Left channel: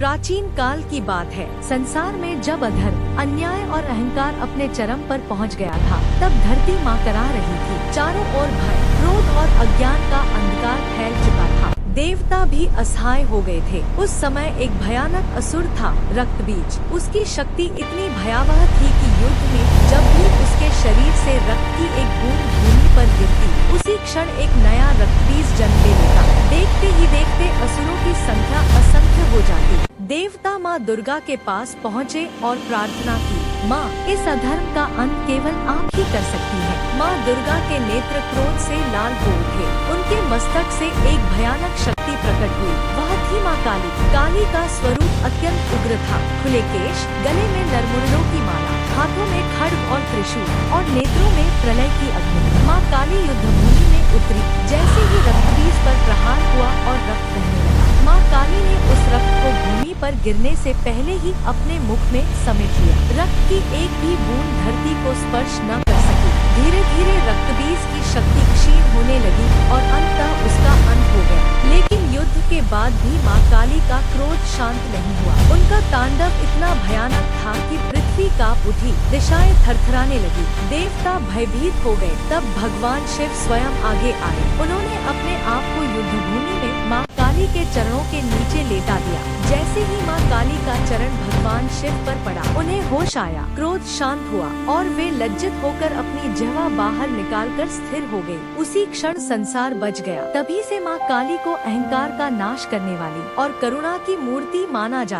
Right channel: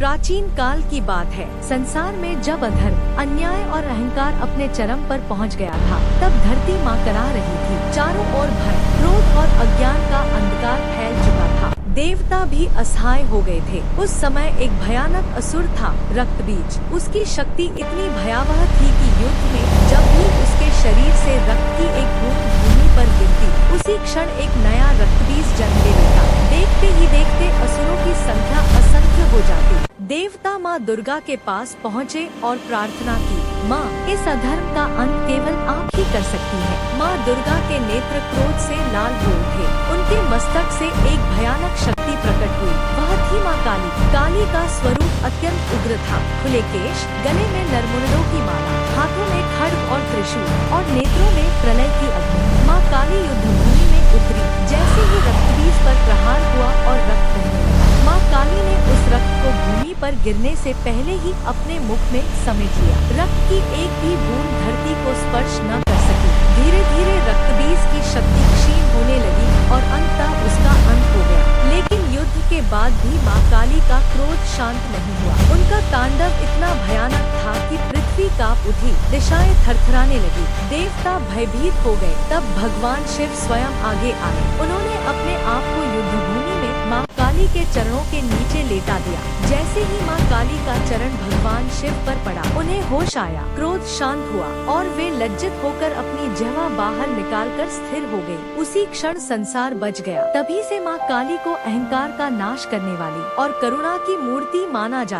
प्राचीन काल की बात है। संसार में जब अधर्म, अन्याय और अहंकार अपने चरम पर पहुंच गया था, तब धरती माँ करा रही थी। चारों ओर भय, क्रोध और अज्ञान का अंधकार फैल चुका था। देवता भी असहाय हो गए थे। उस समय एक भयानक असुर था, रक्तबीज। उसकी शक्ति इतनी भयावह थी कि युद्ध में जब भी उसके शरीर से रक्त की एक बूंद भूमि पर गिरती, उसी क्षण एक नया रक्तबीज जन्म ले लेता। देखते ही देखते असुरों की संख्या असंख्य हो जाती। देवता माँ दुर्गा के पास पहुँचे और प्रार्थना की, माँ, इस अधर्म का अंत केवल आप ही कर सकती हैं। माँ दुर्गा के नेत्र क्रोध से लाल हो उठे। उनके मस्तक से एक भयानक शक्ति प्रकट हुई। वह थी माँ काली। काली का स्वरूप अत्यंत उग्र था। खुले केश, गले में नरमुंडों की माला, हाथों में खड्ग और त्रिशूल और नेत्रों में प्रलय की अग्नि। माँ काली युद्ध भूमि में उतरी। जैसे ही रक्तबीज पर प्रहार हुआ और रक्त बहने लगा, माँ काली ने उस रक्त को भूमि पर गिरने से पहले ही अपने मुख में समेट लिया। रक्त की एक भी बूंद धरती को स्पर्श न कर सकी। धीरे धीरे रक्तबीज की शक्ति क्षीण होने लगी और अंततः उसका अंत हो गया। लेकिन युद्ध के बाद भी माँ काली का क्रोध शांत नहीं हुआ। उनका तांडव इतना भयानक था कि पृथ्वी कांप उठी, दिशाएं थरथराने लगी। देवता भयभीत हो गए। तब भगवान शिव स्वयं आगे आए। उन्होंने अपने आप को युद्ध भूमि में माँ काली के चरणों के नीचे लेटा दिया। जैसे ही माँ काली का चरण भगवान शिव पर पड़ा, उन्हें होश आया, क्रोध शांत हुआ और वे लज्जित होकर अपनी जिह्वा बाहर निकालकर स्थिर हो गई। उसी क्षण संसार बच गया। तभी से माँ काली को अहंकार का नाश करने वाली और करुणा की मूर्ति माना जाता है।